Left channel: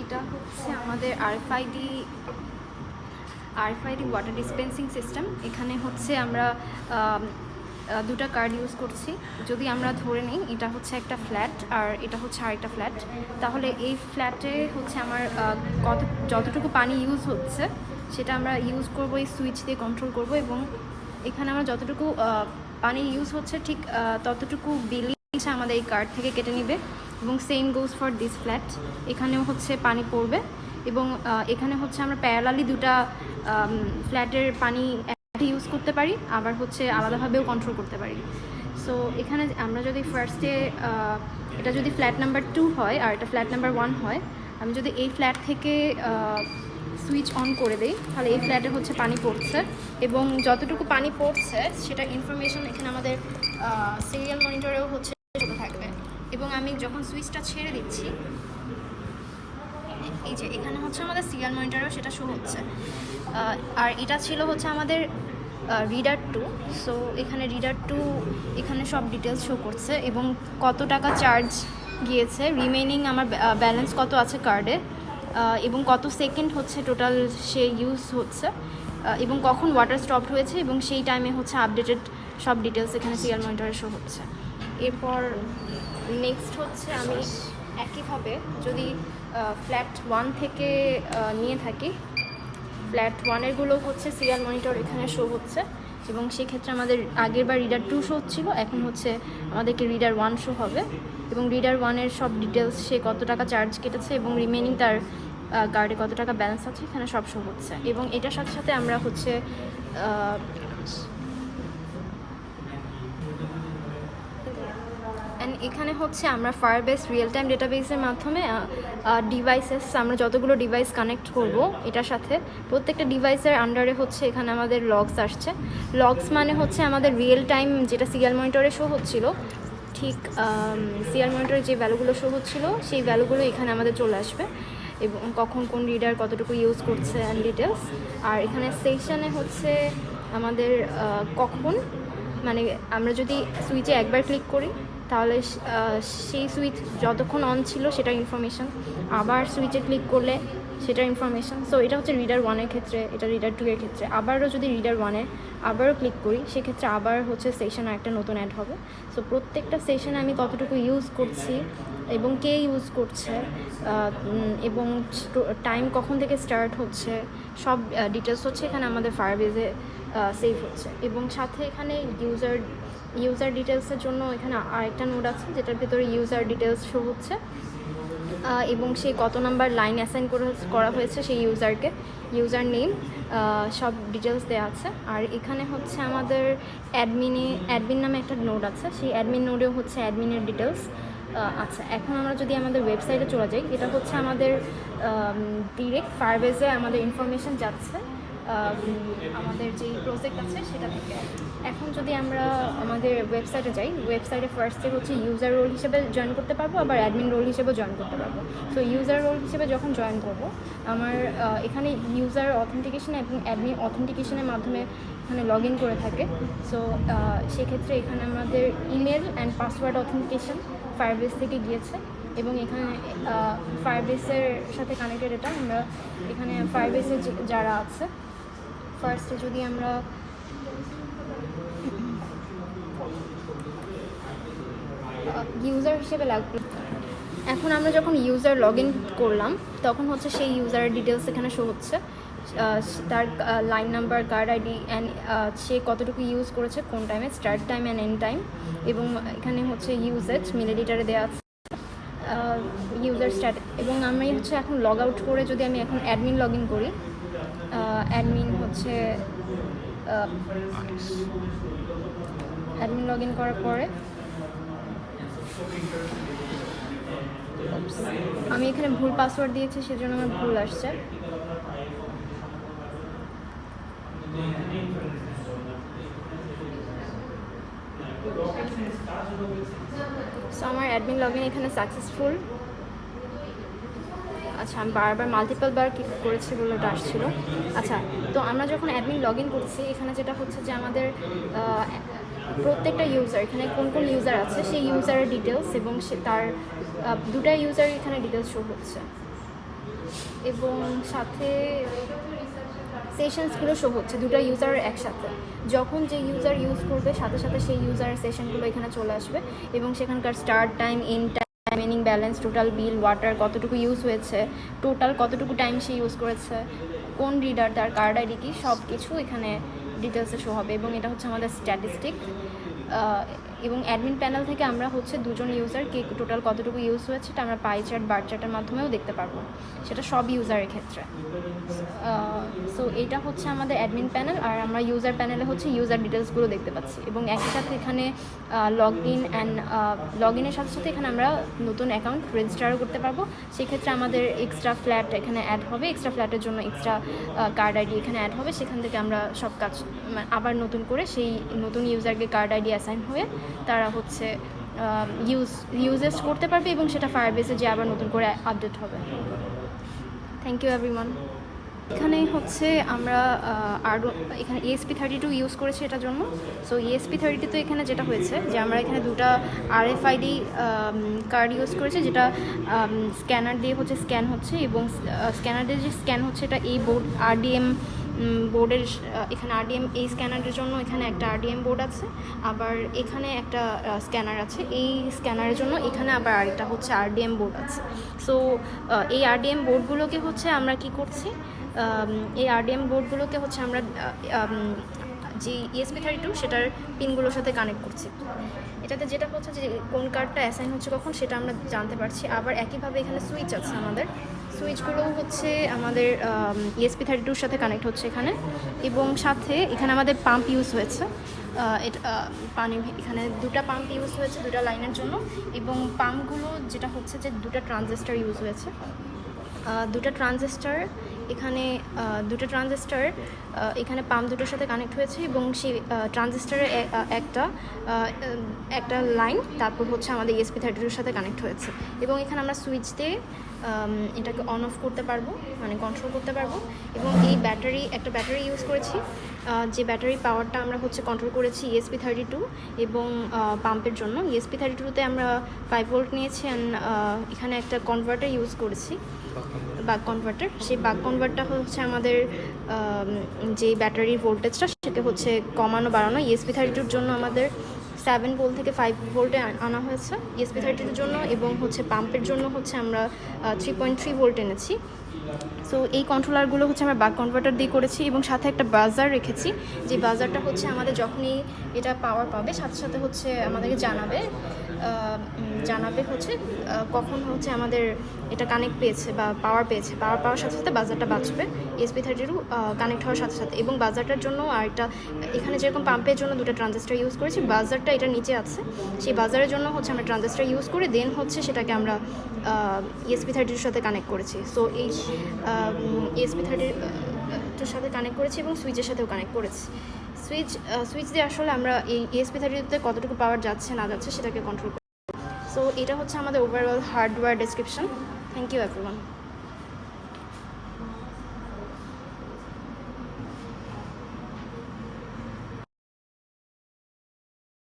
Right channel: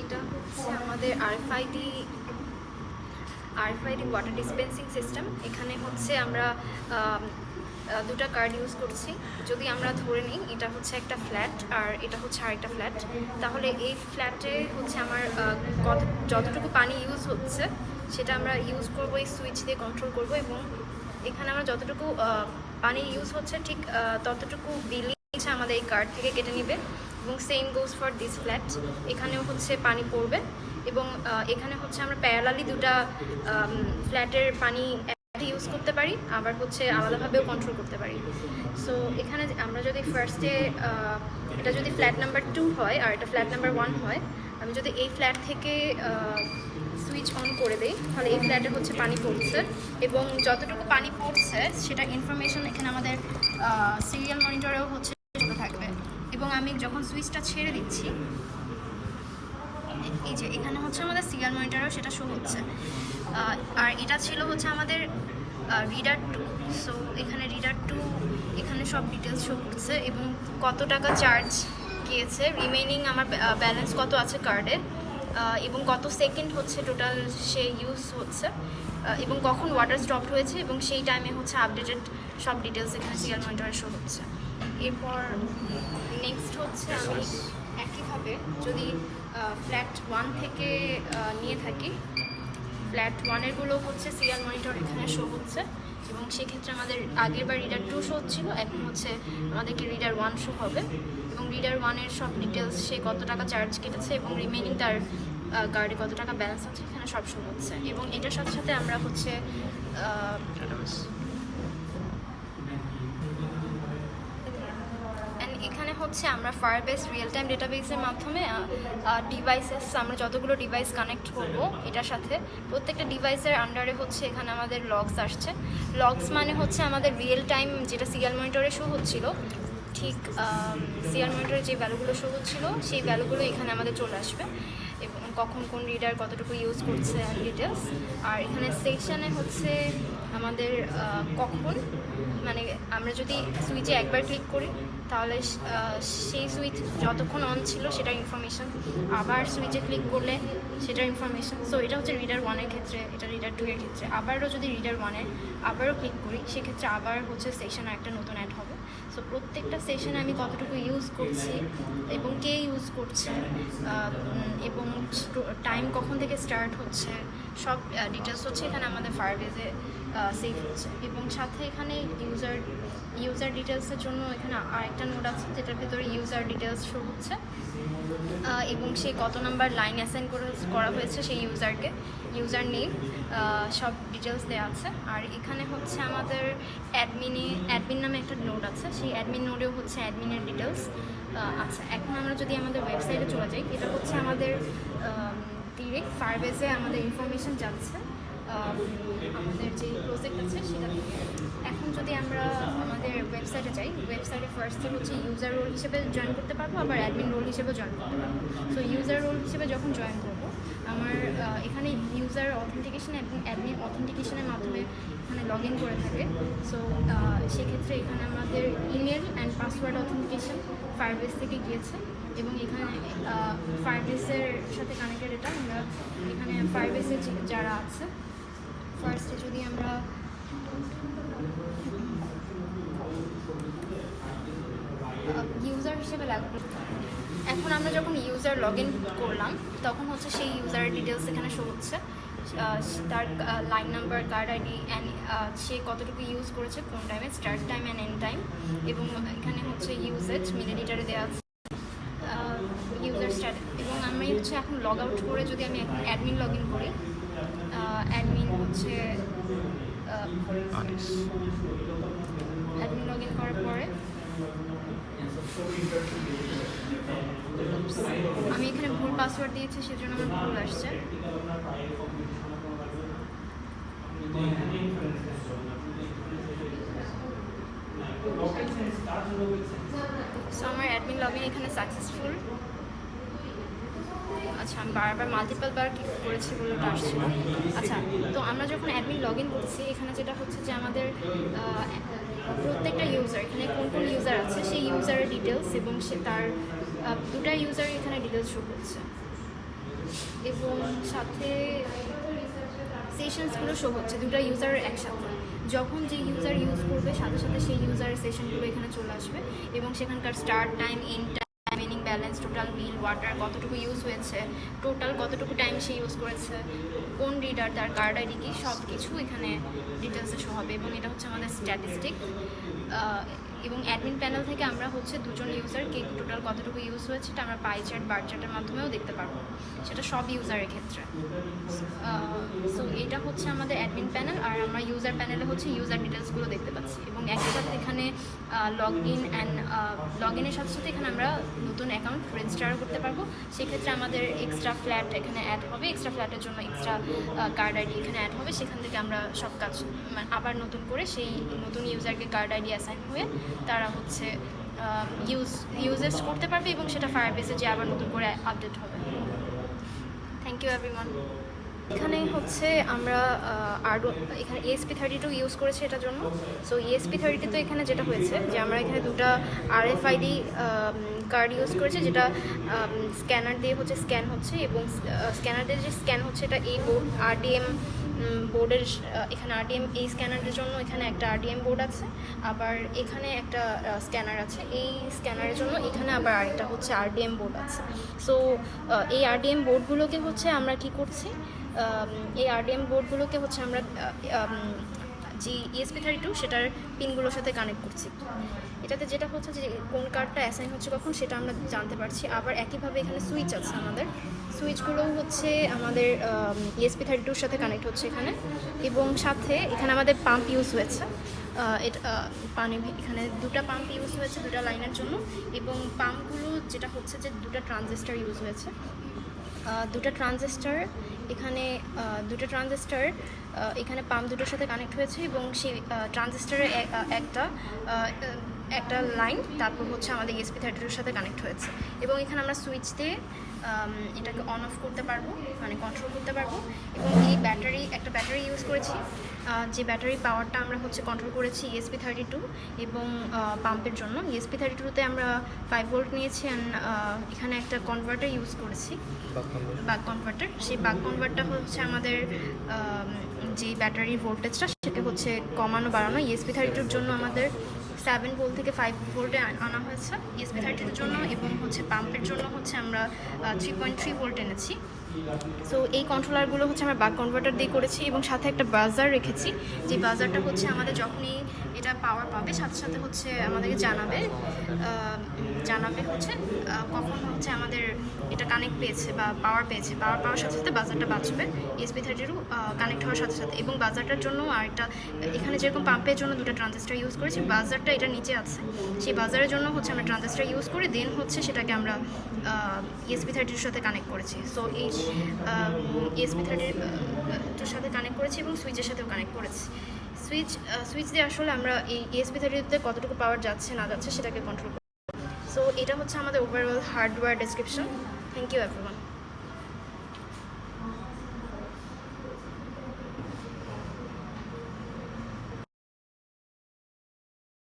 এটা হচ্ছে আমাদের আরএফআইডি ওয়াটার ডিসপেন্সিং সিস্টেম। এখানে হচ্ছে আমরা দুটো কার্ড ইউজ করছি। যদি আমরা ধরে নিই এটা হচ্ছে একটা ফ্ল্যাট আর এটা হচ্ছে আরেকটা ফ্ল্যাট, তাহলে এই ফ্ল্যাটে হচ্ছে আমার যতটুকু পানি ইউজ হচ্ছে সেটা আমরা ইউজ করবো, এই সুইচ দিয়ে কন্ট্রোল করবো। এবং এখানে আমরা যতটুকু পানি ইউজ হচ্ছে ঠিক ততটুকু বিলিং আমাদের এই কার্ড থেকে কেটে নেবে। এবং same goes for this flat, এখানেও হচ্ছে পানি পড়বে এবং এখানে হচ্ছে আমরা প্যারালালি দুটা ফ্ল্যাটের পানি ইউজ করতে পারি, আবার হচ্ছে আলাদাভাবেও কন্ট্রোল করতে পারি। সো এখানে আমরা যদি ফার্স্টে এটা যদি ফ্ল্যাট নাম্বার 2 হয় আর এটা ফ্ল্যাট নাম্বার 1 হয়, আমি যদি এই ফ্ল্যাট থেকে সুইচ অন করে দিই তাহলে এই ফ্ল্যাটে হচ্ছে পানি পড়ছে এবং যতটুকু পানি পড়ছে সেটা ইনফরমেশন এখানে আমাদের সিরিয়াল মনিটরেও হচ্ছে থাকবে। এবং আমি যখন সুইচটা ছেড়ে দিচ্ছি, এই যে এখানে হচ্ছে আমাদের সিরিয়াল মনিটরেও সেটা শো হচ্ছে। আর এটা ছিল হচ্ছে আমাদের রিডার 2। সো এখানে রিডার 2 এখানে সব ডিটেলস শো করছে এবং কত টাকা চার্জ গিয়েছে, রিমেইনিং আমার ব্যালেন্স কত আছে কার্ডে, এবং কত সেকেন্ড হচ্ছে টোটাল সে ইউজ হচ্ছে, এবং কখন ওয়াটার স্টপ হয়েছে এবং সেই টাইমে হচ্ছে আপডেটেড সব ডিটেলস এখানে সিরিয়াল মনিটরে শো হচ্ছে। এরপর নেক্সট হচ্ছে একইভাবে যদি ফ্ল্যাট 1 থেকে নিয়ে থাকি, ফ্ল্যাট 1-এরগুলো হচ্ছে সিরিয়াল মনিটর এখানে শো হচ্ছে এবং সেক্ষেত্রে আমাদের আগের বার রিডার 2 শো হচ্ছিল, এখন হচ্ছে আমাদেরকে রিডার 1 শো হবে এবং রিডার 1-এর সব ডিটেলস, সে কত টাকা চার্জ কেটেছে এবং রিমেনিং তার কার্ডে কত টাকা ব্যালেন্স আছে এখানে সব শো হচ্ছে। এবং এটার সাথে সাথে আমরা হচ্ছে এখানে হচ্ছে আমরা ফায়ারবেস রিয়েল টাইম ডেটাবেসের মাধ্যমে ডিভাইসেস, আমরা যতগুলো ডিভাইস কানেক্ট করব এটার সাথে প্রত্যেকটা ডিভাইসের আন্ডারে হচ্ছে এখানে আমাদের লগস আসছে। লগস মানে হচ্ছে আমাদের রিয়েল টাইম যেটা সিরিয়াল মনিটরে শো হচ্ছিল, ঠিক সিরিয়াল মনিটরে যে ভ্যালুগুলো শো হচ্ছিল সেই ভ্যালুগুলো এখানে আমাদের চলে আসবে এবং কখন কোন রিডার কতটুকু ইউজ করছে অ্যান্ড ডিটেলস। আর এখানে সেকশনে হচ্ছে আমাদের কখন, মানে আমরা যদি সুইচে একবার ক্লিক করি তাহলে সেই সুইচ যতক্ষণ অন ছিল সেটার ইনফরমেশন, আবার সুইচে ক্লিক করলে সেটার ইনফরমেশন। সো এটা হচ্ছে রিডার 1-এর ক্ষেত্রে, এটা রিডার 2-এর ক্ষেত্রে। আবারও যদি রিডার 1-এ আবারও ক্লিক করি সেক্ষেত্রে আবার হচ্ছে সেশনে একটা নতুন অ্যাড হবে। সো প্রত্যেকটা সেশনে আমি কতটুকু ইউজ করছি এবং কে ইউজ করছে এবং টাইম কখন থেকে স্টার্ট হচ্ছে সব ডিটেলস হচ্ছে এখানে আমাদের ফায়ারবেজে সেভ হচ্ছে। এবং সাথে এখানে ইউজার ডিটেলসের জন্য এখানে আরেকটা নোড আছে যেটার ভিতরে ইউজার ডিটেলস শো হচ্ছে এবং সে কত নাম্বার লাইন অ্যাসাইন করা হয়েছে সেই ইউজারকে, ইউজার নেম, সব ডিটেলস দেওয়া আছে। আর এখানে হচ্ছে আমাদের অ্যাডমিন নামে একটা নোড আছে, সেই অ্যাডমিন নোডেও হচ্ছে অ্যাডমিনের ডিটেলস আচ্ছা। এখন আমরা যদি আমাদের ওয়েবসাইটে চলে যাই, এটা হচ্ছে আমাদের ডিরেক্ট ফায়ারবেজে আমাদের ইনফরমেশন যাচ্ছে আমাদের যে প্রজেক্ট আছে সেটা থেকে। এখন যদি আমরা আমাদের ওয়েবসাইটে যাই, ওয়েবসাইটে ফার্স্টে হচ্ছে ইউজার রোল হিসেবে জয়েন করতে পারবো, আবার অ্যাডমিন রোল হিসেবেও জয়েন করতে পারবো। সো ইউজার রোল হিসেবে যখন জয়েন করবো, আমার এখানে ইউজার অথেন্টিকেশন এবং অ্যাডমিন অথেন্টিকেশনের মাধ্যমে এখানে লগ ইন করে থাকে। সো সেক্ষেত্রে এখানে আমাদের email and password authentication Firebase থেকে গিয়েছে এবং এখানে ফায়ারবেসের সাথে কানেক্টেড। এটা আমরা এখানে ফায়ারবেসে যারা আছে, ফার্স্টে যদি আমরা ইউজার হিসেবে লাগবে, এখন আমরা যখন ইউজার লগ ইন করলাম তখন হচ্ছে সেই ইউজারের ডিটেলস এখানে শো হচ্ছে, তার line number, card ID and সে কতটুকু ইউজ করেছে কোন টাইমে, start time and end time. এবং এখানে হচ্ছে ইউজেজ মিল এডিটারে দেওয়া আছে ইউজার স্ট্যাটাস। এবং আমি হচ্ছে এখন লগ আউট করে যদি আমি এখন অ্যাডমিন লগ ইন করি, অ্যাডমিন হচ্ছে অ্যাডমিন লগ ইন করার পরে আমি এখানে ভুল পাসওয়ার্ড দিয়েছি সেজন্য আমার ভুল আসছে। সো আমার অ্যাডমিন লগ ইন এখানে সাকসেসফুল। আচ্ছা, আমি বারবার মাল্টিপল বার করেছি বলে ওটা আসছিল। আচ্ছা, তো আমরা যখন অ্যাডমিন লগ ইন করছি এখানে যেটা হচ্ছে যে আমাদের প্রত্যেকটা ইউজার, এখানে কোন কোন ইউজার আছে সেই ইউজারের ডিটেলস এবং তার দুটা ইউজারের এখানে ডিটেলস শো হচ্ছে, এবং সাথে সেশনসগুলো শো হচ্ছে দুটা ইউজার একসাথে। যখন যে ইউজার ইউজ করবে সাথে সাথে সেই ইউজারের সেশনগুলো এখানে চলে আসবে এবং সেখানকার start time, end time, remaining balance, total bill, water কতটুকু ইউজ হয়েছে, টোটাল কতটুকু টাইম সে ইউজ করেছে, কোন রিডার, তার কার্ড আইডি কি, সব কিছু এখানে ডিটেলসে শো হবে। এবং এটা হচ্ছে আমাদের স্ট্যাটিস্টিক। এবং অ্যাডমিন প্যানেল থেকে আমরা হচ্ছে দুজন ইউজার কে টোটাল কতটুকু ইউজ হয়েছে এটা আমরা পাই চার্ট, বার চার্টের মাধ্যমেও দেখতে পারবো, সেটা সব ইউজারের ক্ষেত্রে। সো এটা হচ্ছে আমাদের অ্যাডমিন প্যানেল, আর আমরা ইউজার প্যানেলে হচ্ছে ইউজার ডিটেলসগুলো দেখতে পাচ্ছি। এবং একই সাথে এখানে লগ ইনের সাথে সাথে এখানে আমরা নতুন অ্যাকাউন্ট রেজিস্টারও করতে পারবো। সেক্ষেত্রে আমাদের এক্সট্রা ফ্ল্যাট এখানে অ্যাড হবে, এক্সট্রা ফ্ল্যাটের জন্য এক্সট্রা কার্ড আইডি এখানে অ্যাড হবে। সেখান থেকে আমরা সব কাজ আবার নতুন করে সেই নতুন ইউজারকে কার্ড আইডি অ্যাসাইন হয়ে তারা হচ্ছে ইউজেস করতে পারবে এবং সেটা ফায়ারবেসে যে আবার নতুন করে আপডেট হবে। Thank you everyone. এখানেই হচ্ছে আমরা আরও এখানে ESP32 ইউজ করেছি এটার জন্য। সো ESP32 তো এখানে যেটা হয়েছে যে আমরা এখানে দুটা RFID কার্ড ইউজ করেছি, যেটা স্ক্যানার দিয়ে হচ্ছে স্ক্যান হচ্ছে, এবং স্ক্যানার দিয়ে যে স্ক্যান হচ্ছে এটা এই বোর্ড RDM বোর্ডের, এখানে RDM এই স্ক্যানারের জন্য এখানে একটা RDM বোর্ড আছে, আবার এখানে একটা স্ক্যানার আছে। এই স্ক্যানারের জন্য এখানে আবার আরেকটা হচ্ছে RDM বোর্ড আছে। সো এই RDM বোর্ডগুলোকে হচ্ছে আমরা কি করছি, এই RDM বোর্ডগুলোকে হচ্ছে আমরা যে ESP32 সেটার পিনগুলোর সাথে কানেক্ট করছি। এটাতে যেটা হচ্ছে যে কোন কার্ডটা অ্যাসাইন হচ্ছে কখন সেটা আমরা জানতে পারছি। আবার একইভাবে এখানে সুইচ আছে, আমাদের সুইচগুলো হচ্ছে আমাদের ESP32 সাথে কানেক্ট হচ্ছে এখানে, এবং সাথে এখানে আমাদের পাম্প ইউজ হয়েছে। পানি এখানে দুটা পাম্প ইউজ হয়েছে দুটা লাইনের জন্য, এবং পাম্পগুলো যেটা হচ্ছে যে দুটা ট্রানজিস্টার ইউজ হয়েছে। দুটা ট্রানজিস্টার এখানে পাম্প দুটোর সাথে কানেক্ট হয়েছে, এবং সেই ট্রানজিস্টারের একটা লাইন তারপর হচ্ছে আমাদের ESP32 সাথে কানেক্ট হয়েছে। এবং এখানে আমরা সুইচ দিয়ে এটাকে অন অফ করতে পারবো, মানে কন্ট্রোল করতে পারবো। এবং এই একটা ব্যাটারি ইউজ করেছি, যে ব্যাটারির পাওয়ারটা আমরা হচ্ছে কন্ট্রোল করেছি ESP32 এবং পাম্পের জন্য। ESP32তে আমরা 5 ভোল্ট নিয়েছি, অ্যান্ড এখানে একটা কনভার্টার ইউজ করেছি, বাক কনভার্টার। সেই বাক কনভার্টার হচ্ছে আমাদের যে ব্যাটারির ভোল্টেজটা সেটা হচ্ছে কমানো বাড়ানো। ESP32 জন্য আমাদের 7 ভোল্ট থেকে 5 ভোল্টে আনা হয়েছে ESP32 জন্য, এবং হচ্ছে পাম্পের জন্য হচ্ছে আমরা 3.3 ভোল্ট এনেছি। সো এই কন্ট্রোলারগুলো হচ্ছে আমরা বাক কনভার্টার দিয়ে করেছি, এবং সাথে একটা বাজার রেখেছি। যে বাজারটা হচ্ছে আমাদের যখনই এটা পাওয়ার পাবে সাথে সাথে হচ্ছে আমাদেরকে জানাবে হচ্ছে কখন হচ্ছে আমাদের এটা কানেক্ট পেয়েছে বা পাওয়ার পেয়েছে। পাওয়ার সাথে সাথে বাজারটা বাঁচবে ESP32 কানেক্ট হওয়ার সাথে সাথে। এবং বাজারটার জন্য আরেকটা, এখানে যেরকম পাম্পের জন্য দুটো ট্রানজিস্টার ইউজ করেছি, বাজারটা এটা নিচে আছে, সেই বাজারের জন্য হচ্ছে আমরা ট্রানজিস্টার ইউজ করে দেন হচ্ছে সেটাকে আমরা ESP32 সাথে কানেক্ট করেছি। সো এই ESP32 সাথে কানেক্ট করেছি এবং সুইচের সাথেও কানেক্ট করেছি। সুইচ দিয়ে আসলে আমরা এই ESP32তে কতটুকু পাওয়ার যাচ্ছে না যাচ্ছে সেটাকে কন্ট্রোল করি। সো এটা হচ্ছে আমাদের overall hardware description. Thank you everyone.